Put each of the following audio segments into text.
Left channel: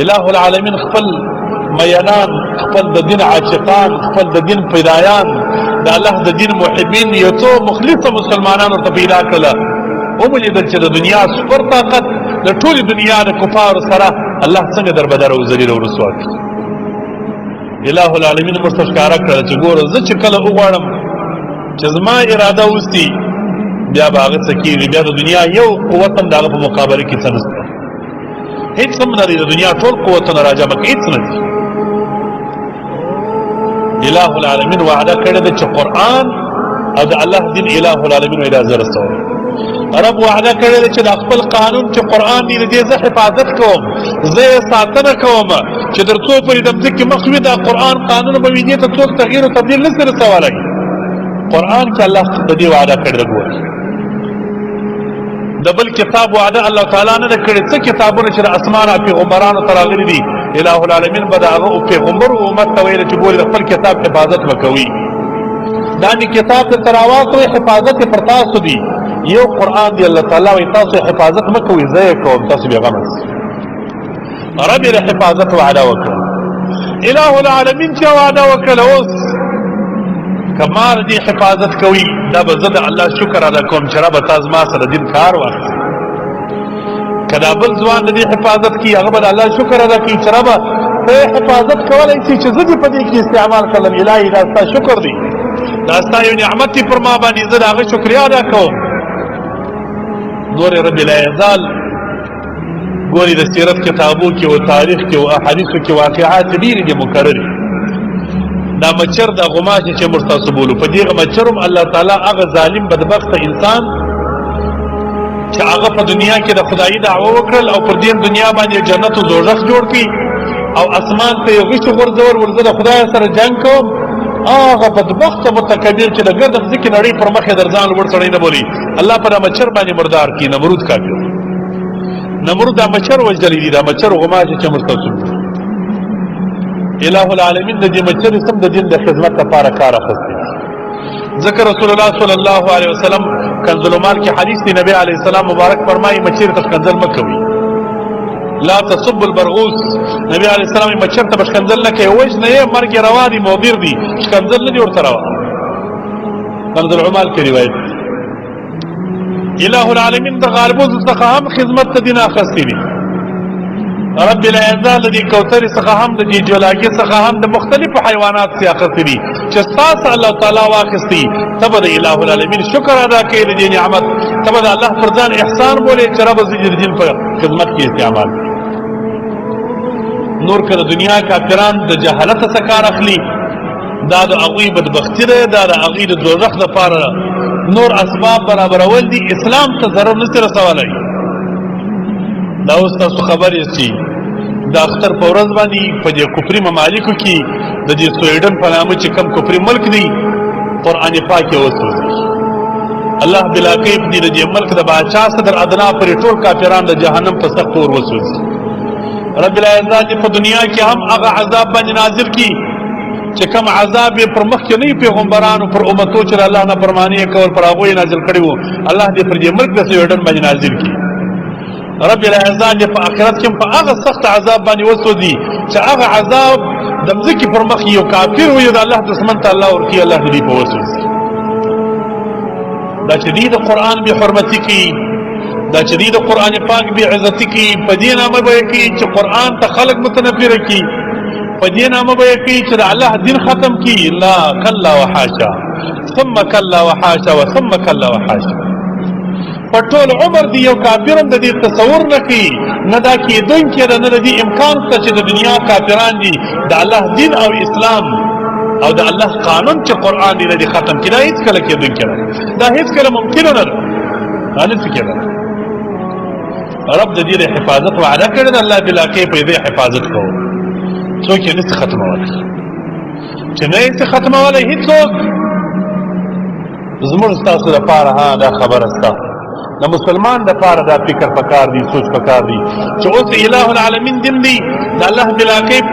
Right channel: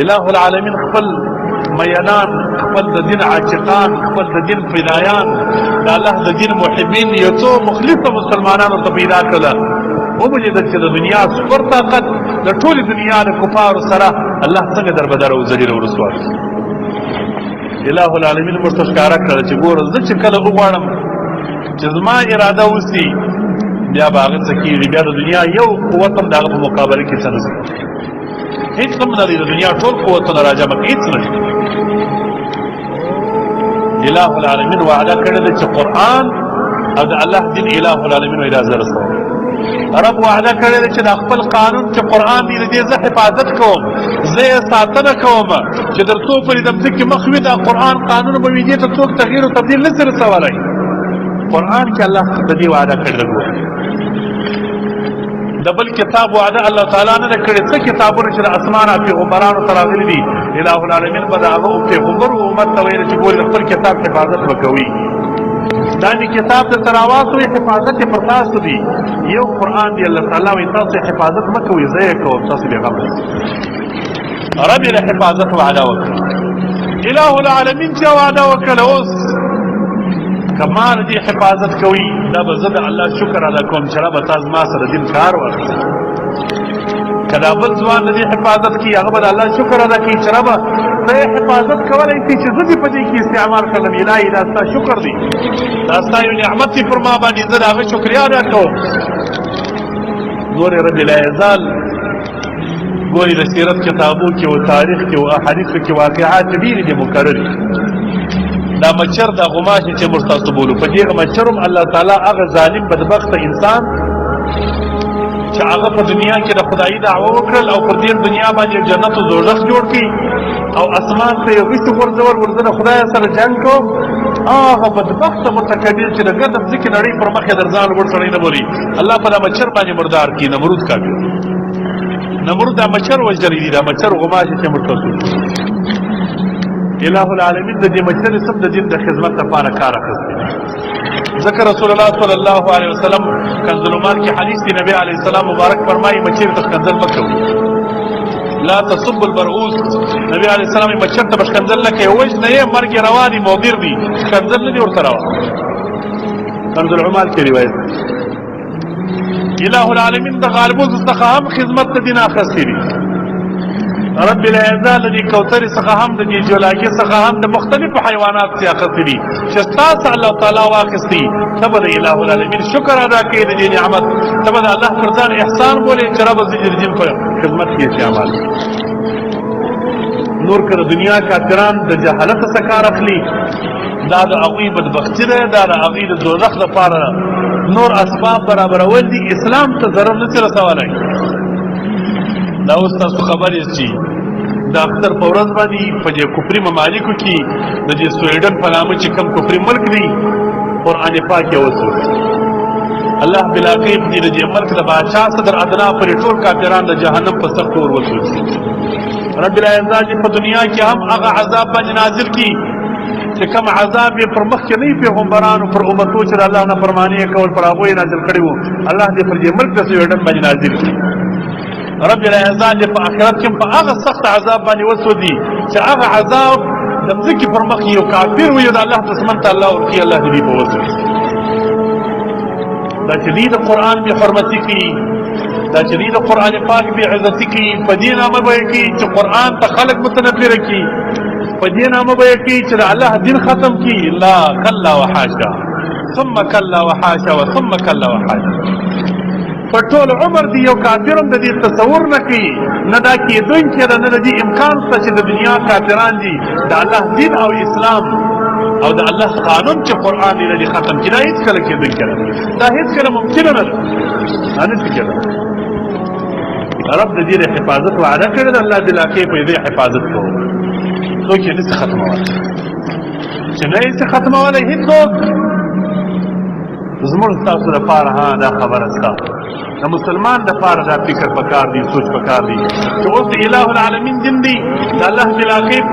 الہ العالمین خپل میانان، خپل د دین عاشقان، خپل د دین پیدایان، د الله د دین محبین یو څو مخلصه مسلمانانو ته پیدا کړل. ومولیدل چې د دنیا سپر طاقت د ټولې دنیا د کفارو سره الله څنګه دربدر او ذلیل او رسوا کړي. الہ العالمین ورته ښکاره کړل چې ګوره زه چې کله وغواړم چې زما اراده وسي بیا به هغه څه کېږي، بیا د دنیا یو قوت هم د هغه په مقابله کې څه نشته، هېڅ هم نه لري. د دنیا ټول قوتونه راجمع کړي هېڅ نه لري. الہ العالمین وعده کړې ده چې قرآن او د الله دین الہ العالمین وایي دا زه رسوم. رب وعده کړې ده چې د خپل قانون چې قرآن دی د دې زه حفاظت کوم، زه یې ساتنه کوم چې تر څو پورې د مځکې مخ وي دا قرآن قانون به وي، دې ته څوک تغییر او تبدیل نشي رسولی. قرآن کې الله د دې وعده کړې ده. د بل کتاب وعده الله تعالی نه ده کړې. څه کتابونه چې د اسمانه پیغمبرانو ته راغلي دي الہ العالمین به د هغه پیغمبرو امت ته ویل چې ګورې د خپل کتاب حفاظت به کوي. دا مې کتاب درته راواخلئ، حفاظت یې پر تاسو دي. یو قرآن دی الله تعالی وایي تاسو حفاظت مه کوئ، زه یې کوم، تاسو بېغمه اوسئ. رب یې د حفاظت وعده وکړه. الہ العالمین چې وعده وکړله اوس که ما د دې حفاظت کوي دا به زه د الله شکر ادا کوم چې ربه تا زما سره دین کار واخلي. که دا بل ځوان د دې حفاظت کوي هغه به د الله شکر ادا کوي چې ربه ته یې حفاظت کولی شي چې زه دې په دې کې استعمال کړم. الهي دا ستا شکر دی، دا ستا یو نعمت دی پر ما باندې، زه د هغه شکریا ادا کوم. ګورې رب العزال ګورې د سیرت کتابو کې او تاریخ کې او احادیثو کې واقعات ډېرې دي مکررې. دا مچر دا غماشې چې موږ تاسو بولو، په دې مچر هم الله تعالی هغه ظالم بدبخته انسان چې هغه په دنیا کې د خدایي دعوه وکړل او پر دې دنیا باندې جنت او دوزخ جوړ کړي او اسمان ته یې غشو غورځول، ورځه د خدای سره جنګ کوم. هغه بدبخته متکبر چې د ګرد ځمکې نړۍ پر مخ یې در ځان لوړ سړی نه بولي، الله په دا مچر باندې مردار کړي. نمرود کافر، نمرود دا مچر وژلی دي، دا مچر غماشې چې موږ تاسو الہ العالمین د دې مچر سم د دین د خدمت لپاره کار اخیستی. ځکه رسول الله صلی الله علیه وسلم کنز المال کې حدیث دی، نبی علیه السلام مبارک فرمایي مچر ته ښکنځل مه کوئ، لا تصب البرغوث. نبی علیه السلام مچر ته به ښکنځل نه کوي، وژنه یې مرګ یې روا دي، مؤبر دي، ښکنځل نه دي ورته روا. کنز العمال کې روایت. الہ العالمین د غالبو څخه هم خدمت د دین اخیستی دي. رب العزة د دې کوثر څخه هم د دې جولاګي څخه هم د مختلفو حیوانات څخه اخیستي دي چې ستاسو الله تعالی واخیستي. ته به د الہ العالمین شکر ادا کوې د دې نعمت، ته به د الله پر ځان احسان بولې چې رب زه د دین په خدمت کې استعمال کړم. نور که د دنیا کافران د جهالت څخه کار اخلي دا د هغوی بدبختي ده، دا د هغوی د دوزخ لپاره نور اسباب برابرول دي، اسلام ته ضرر نشي رسولی. دا اوس تاسو خبر یاست چې د اختر په ورځ باندې په دې کفري ممالکو کې د دې سویډن په نامه چې کوم کفري ملک دی قرآن پاک یې وسوځي. الله بلاقیب دې د دې ملک د بادشاه صدر ادنا پورې ټول کافران د جهنم په سخت اور وسوځي. رب العزة دې په دنیا کې هم هغه عذاب باندې نازل کړي چې کوم عذاب یې پر مخکې نه پیغمبرانو پر امتو چې د الله نافرماني یې کول پر هغوی یې نازل کړي وو، الله دې پر دې ملک د سویډن باندې نازل کړي. رب العزة دې په آخرت کې په هغه سخت عذاب باندې وسوځي چې هغه عذاب د مځکې پر مخ یو کافر وي د الله دښمن ته الله ورکړي، الله دې په وسوځي. دا چې دې د قرآن بې حرمتي کوي، دا چې دې د قرآن پاک بې عزتي کوي، په دې نامه به یې کوي چې قرآن ته خلک متنفره کوي، په دې نامه به یې کوي چې د الله دین ختم کړي. لا کلا وحاشا ثم کلا وحاشا وثم کلا وحاشا. په ټول عمر دی یو کافر هم د دې تصور نه کوي، نه دا کېدونکی ده، نه د دې امکان شته چې د دنیا کافران دي د الله دین او اسلام او د الله قانون چې قرآن دی د دې ختم کړي. دا هېڅکله کېدونکی نه ده، دا هېڅکله ممکنه نه ده، دا نشي کېدلی. رب د دې د حفاظت وعده کړې ده، الله بلاقې په دې حفاظت کوي، څوک یې نشي ختمولی. چې نه یې شي ختمولی هېڅوک. زموږ ستاسو دپاره دا خبره ستاسو د مسلمان دپاره دا فکر پکار دی، سوچ پکار دی چې اوس الہ العالمین دین دی، د الله بلاقیب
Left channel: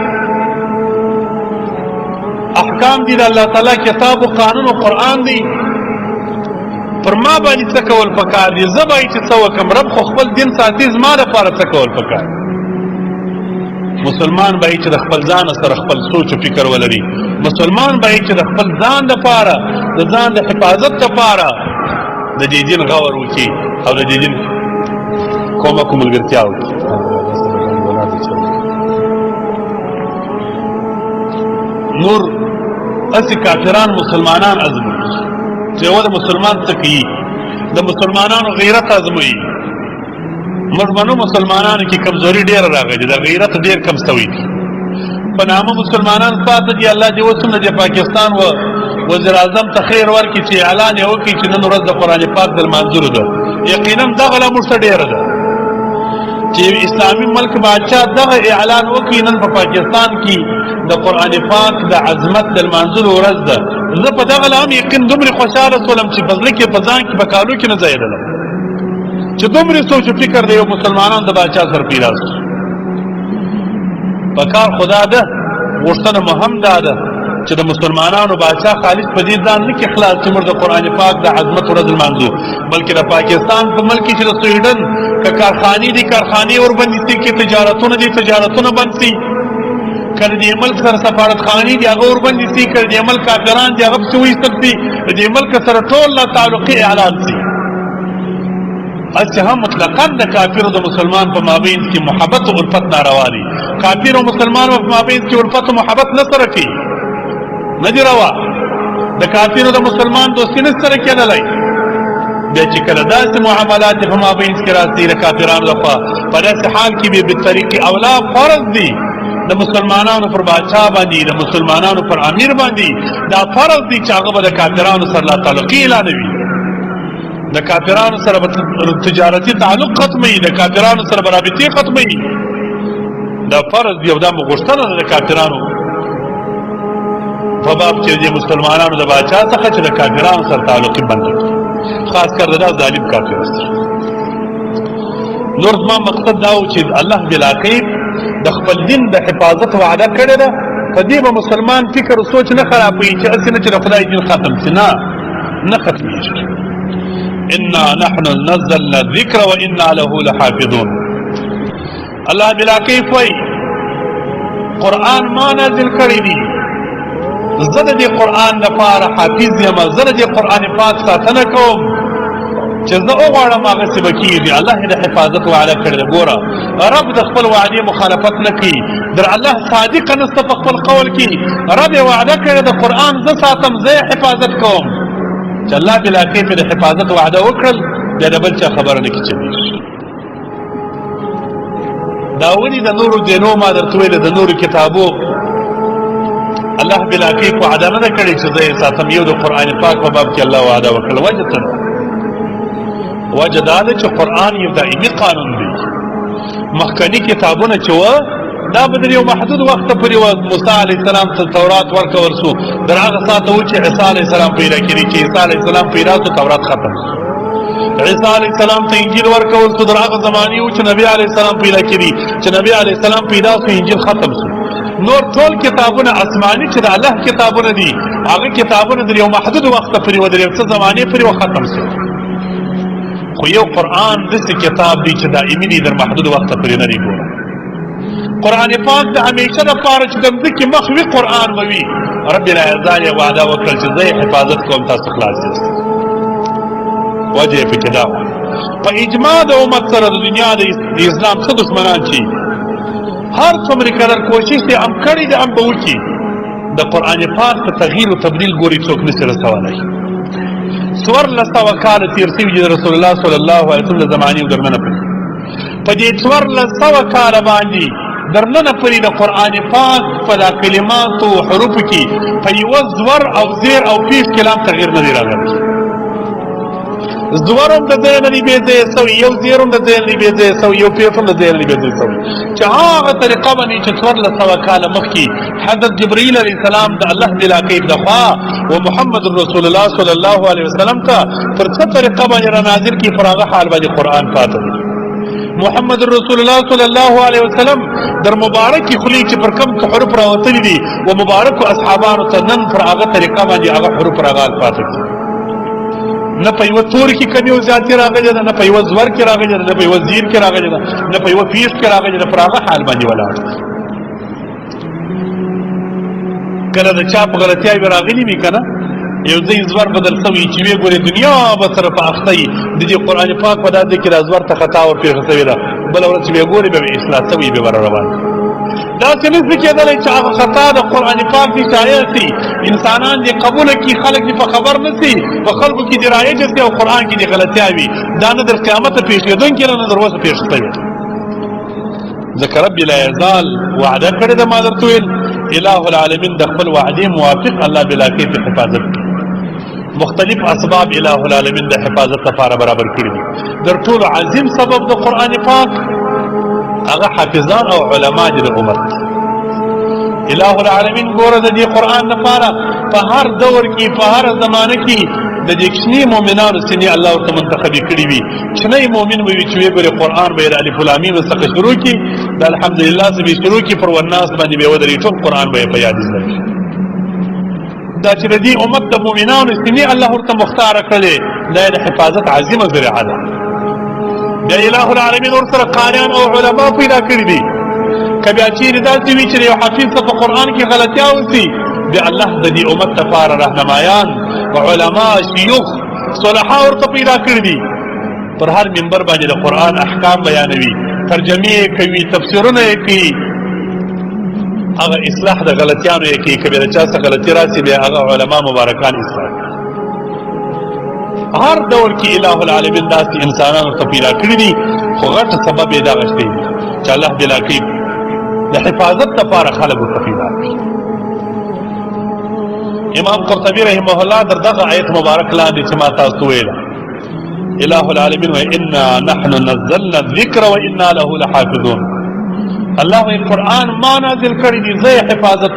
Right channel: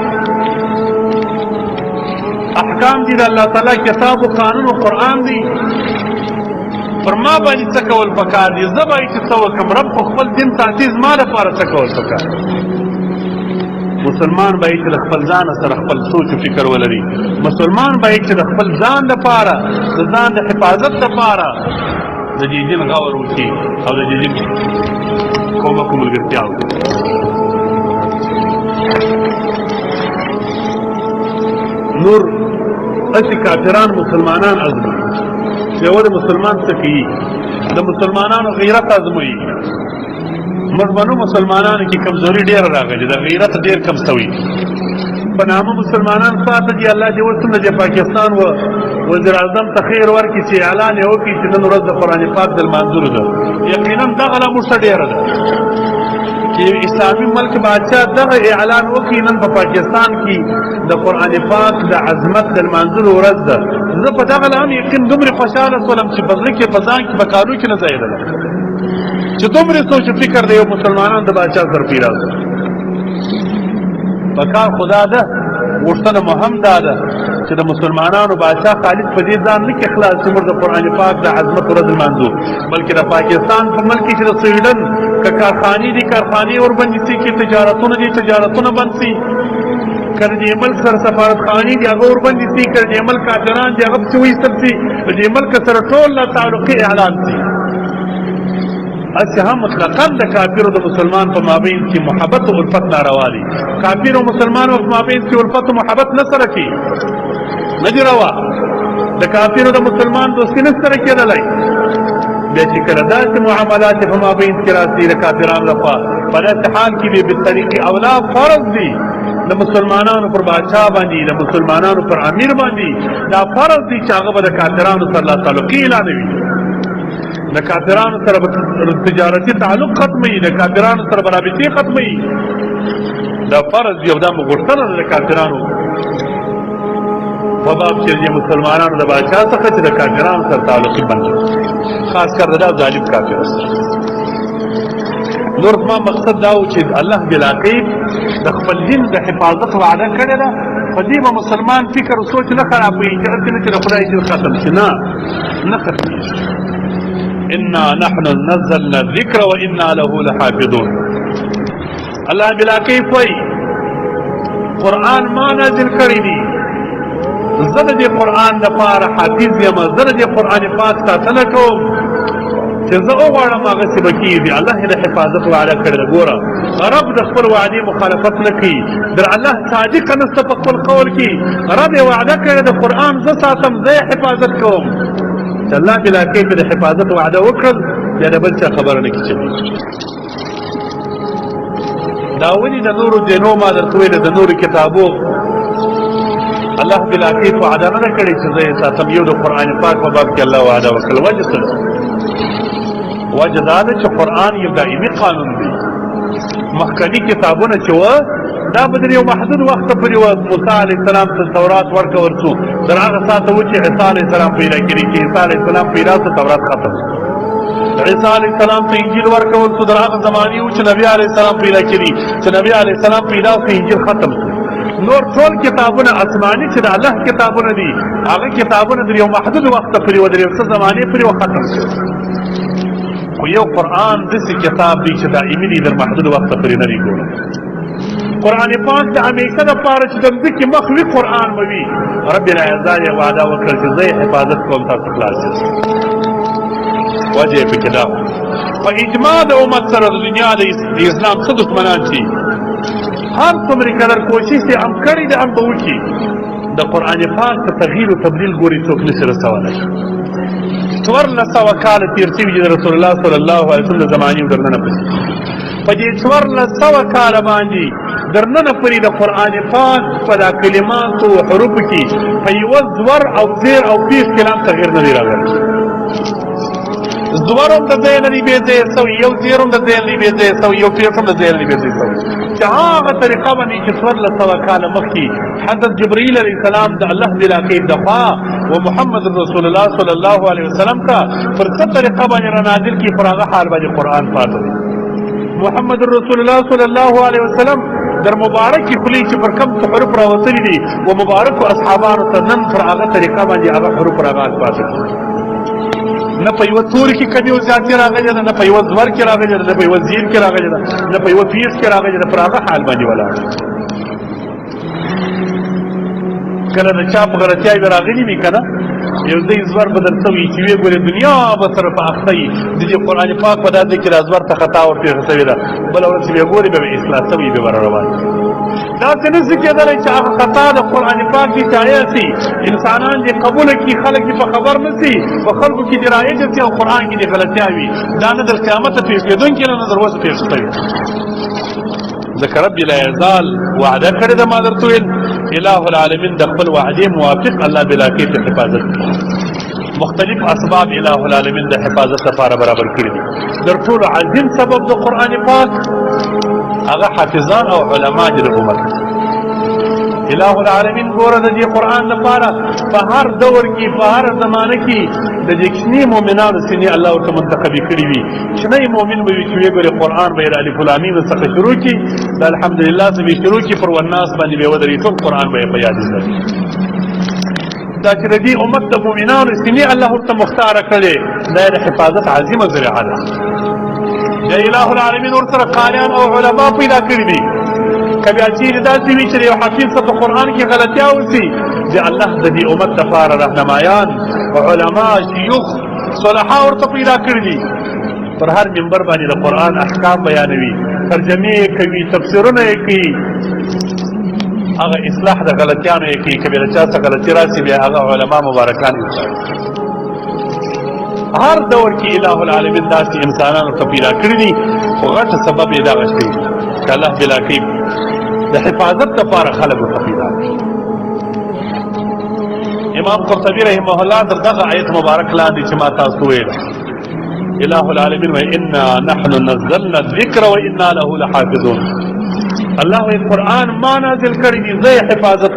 احکام دی، د الله تعالی کتاب و قانون و قرآن دی. پر ما باندې څه کول پکار دي، زه به یې چې څه وکړم، رب خو خپل دین ساتي، زما دپاره څه کول پکار. مسلمان به چې د خپل ځان سره خپل سوچ او فکر ولري مسلمان به چې د خپل ځان لپاره د ځان د حفاظت لپاره د دې دین غور وکړي او د دې دین کومه ملګرتیا وکړي نور اسی کافران مسلمانان ازموي چې ور مسلمان څه کوي د مسلمانانو غیرت ازموي مړمنو مسلمانانو کې کمزوري ډیر راغلي د غیرت ډیر کم شوی په نامه مسلمانان ساته دي الله دې وسنه د پاکستان و وزیر اعظم ته خیر ورکړي چې اعلان یې وکړي چې نن ورځ د قرآن پاک د لمانځلو ده یقینا دغه لا موږ ډیره ده چې اسلامي ملک بادشاہ دغه اعلان وکړي نن په پاکستان کې د قرآن پاک د عظمت د لمانځلو ورځ ده زه په دغه لا هم یقین دومره خوشحاله شولم چې په زړه کې په ځان کې په کارو کې نه ځایېدله چې دومره سوچ و فکر د یو مسلمانان د بادشاہ سره پیدا شو په کار خدا ده غوښتنه مهم دا ده چې د مسلمانانو بادشاہ خالص په دې ځان نه کې خلاص چې موږ د قرآن پاک د عظمت ورځ لمانځو بلکې د پاکستان په ملک کې چې د سویډن که کارخانې دي کارخانې وربندې شي کې تجارتونه دي تجارتونه بند شي که د دې ملک سره سفارتخانې دي هغه وربندې شي که د دې ملک کافران دي هغه پسې وایستل شي د دې ملک سره ټول لا تعلقي اعلان شي اچھا هم مطلقاً د کافر او د مسلمان په مابین کې محبت او الفت ناروا دي کافر او مسلمان په مابین کې الفت او محبت نه سره کوي نه دي روا د کافر او د مسلمان دوستي نه سره کېدلی بیا چې کله داسې معاملات په مابین کې راځي د کافرانو لخوا په داسې حال کې به بالطریق اولا فرض دي د مسلمانانو پر بادشاہ باندې د مسلمانانو پر امیر باندې دا فرض دي چې هغه به د کافرانو سره لا تعلقي اعلانوي د کافرانو سره تجارتي تعلق ختمي د کافرانو سره رابطې ختمي دا فرض دی او دا غوښتنه ده د کافرانو په باب چې د مسلمانانو د بادشاہ څخه چې د کافرانو سره تعلق بند خاص کر دا ظالم کافر نور زما مقصد دا و چې الله بالعقیب د خپل دین د حفاظت وعده کړې ده په دې به مسلمان فکر او سوچ نه خرابوي چې هسې نه چې د خدای دین ختم شي نه ختمېږي انا نحن نزلنا الذکر وانا له لحافظون الله بالعقیب وایي قرآن ما نازل کړی دی زه د دې قرآن لپاره حافظ یم زه د دې قرآن پاک ساتنه کوم چې زه وغواړم هغسې به کېږي الله یې د حفاظت وعده کړې ده ګوره رب د خپل وعدې مخالفت نه کوي در الله صادقه نسته په خپل قول کې رب یې وعده کړې ده قرآن زه ساتم زه یې حفاظت کوم چې الله بالعقیب د حفاظت وعده وکړل بیا د بل چا خبره نه کېږي دا ولې د نورو دینو ما درته ویله د نورو کتابو الله بالعقیب وعده نه ده کړې چې زه یې ساتم یو د قرآن پاک په باب کې الله وعده وکړله وجه څه وجه دا ده چې قرآن یو دائمي قانون دی مخکني کتابونه چې وه دا به د یو محدود وخته پورې وه موسی علیه السلام ته تورات ورکول شو تر هغه ساعته و چې عیسی علیه السلام پیدا کړي چې عیسی علیه السلام پیدا شو تورات ختم شو عیسی علیه السلام ته انجیل ورکول شو در هغه زمانې و چې نبي علیه السلام پیدا کړي چې نبي علیه السلام پیدا شو انجیل ختم شو نور ټول کتابونه آسماني چې د الله کتابونه دي هغه کتابونه د یو محدود وخته پورې و د یو څه زمانې پورې و ختم شو خو یو قرآن داسې کتاب دی چې دائمي دی در محدود وخته پورې نه دی قرآن پاک د همیشه دپاره چې د مځکې مخ وي قرآن به وي رب العزا یې وعده وکړل چې زه یې حفاظت کوم تاسو خلاص یاست وجه یې پکې دا په اجماع د امت سره د دنیا د اسلام څه دښمنان چې هر څومره کلن کوشش یې هم کړی د هم به وکړي د قرآن پاک په تغییر و تبدیل ګوري څوک نشي رسولی 1400 کاله تېر شوي دي د رسول الله صلی الله علیه وسلم د زمانې او درننه پسې په دې 1400 کاله باندې درننه پورې د قرآن پاک په دا کلماتو او حروفو کې په یوه زور او زیر او پیش کې لا تغییر نه دی راغلی زور هم د ځای نه دی بې ځایه سوی یو زیر هم د ځای نه دی بې ځایه سوی یو پیش هم د ځای نه دی بې ځایه سوی چې هغه طریقه باندې چې 1400 کاله مخکې حضرت جبرائیل علیه السلام د الله بالعقیب دخوا و محمد رسول الله صلی الله علیه وسلم ته پر څه طریقه باندې را نازل کړي پر هغه حال باندې قرآن پاته دی محمد رسول الله صلی الله علیه وسلم در مبارکی خلی چې پر کم حروف راوتلي دي و مبارکو اصحابانو ته نن پر هغه طریقه باندې هغه حروف راغال پاته دي نه په یوه توري کې کمی او زیاتې راغلې ده نه په یوه زور کې راغلې ده نه په یوه زیر کې راغلې ده نه په یوه پیس کې راغلې ده پر هغه حال باندې ولاړ کله د چا په غلطیاوې راغلي وي که نه یو ځای زور بدل شوي چې ویې ګورې دنیا به سره په اخته وي د دې قرآن پاک په دا ځای کې دا زور ته خطا ورپېښه شوې ده بله ورځ چې بیا ګورې به اصلاح شوي به برابر داسې نشي کېدلی چې هغه خطا د قرآن پاک دي شایع شي انسانان دې قبوله کړي خلک دې په خبر نه شي په خلکو کې دې رایجه شي او قرآن کې دې غلطیا وي دا نه تر قیامته پېښېدونکې نه تر اوسه پېښ شوې ځکه رب لا یزال وعده کړې ده ما درته ویل اله العالمین د خپل وعدې موافق الله بلا کیف حفاظت مختلف اسباب اله العالمین د حفاظت لپاره برابر کړي دي در ټولو عظیم سبب د قرآن پاک هغه حافظان او علما دي د امت اله العالمین ګوره د دې قرآن لپاره په هر دور کې په هر زمانه کې د دې کوچني مؤمنانو سینې الله ورته منتخبې کړي وي کوچنی مؤمن به وي چې ویې ګورې قرآن به یې د الف لام میم څخه شروع کړي د الحمدلله څخه به شروع کړي پر والناس باندې به یې ودرېږي ټول قرآن به یې په یاد زده دا چې د دې امت د مؤمنانو سینې الله ورته مختاره کړې دا یې د حفاظت عظیمه ذریعه ده بیا اله العالمین ورسره قاریان او علما پیدا کړي دي که بیا چیرې داسې وي چې د یو حفیظ ته په قرآن کې غلطیا وشي بیا الله د دې امت لپاره رهنمایان علما شیوخ صلحا ورته پیدا کړي دي پر هر منبر باندې د قرآن احکام بیانوي ترجمې یې کوي تفسیرونه یې کوي هغه اصلاح د غلطیانو یې کوي که بیا د چا څه غلطي راسي بیا هغه علما مبارکان اصلاح هر دور کې اله العالمین داسې انسانان ورته پیدا کړي دي خو غټ سبب یې دغه شی دی چې الله بلا کوي د حفاظت لپاره خلک ورته پیدا کړي امام قرطبي رحمه الله در دغه آیت مبارک لاندې چې ما تاسو ویل اله العالمین انا نحن نزلنا الذکر وانا له لحافظون الله قرآن ما نازل کړی دی زه حفاظت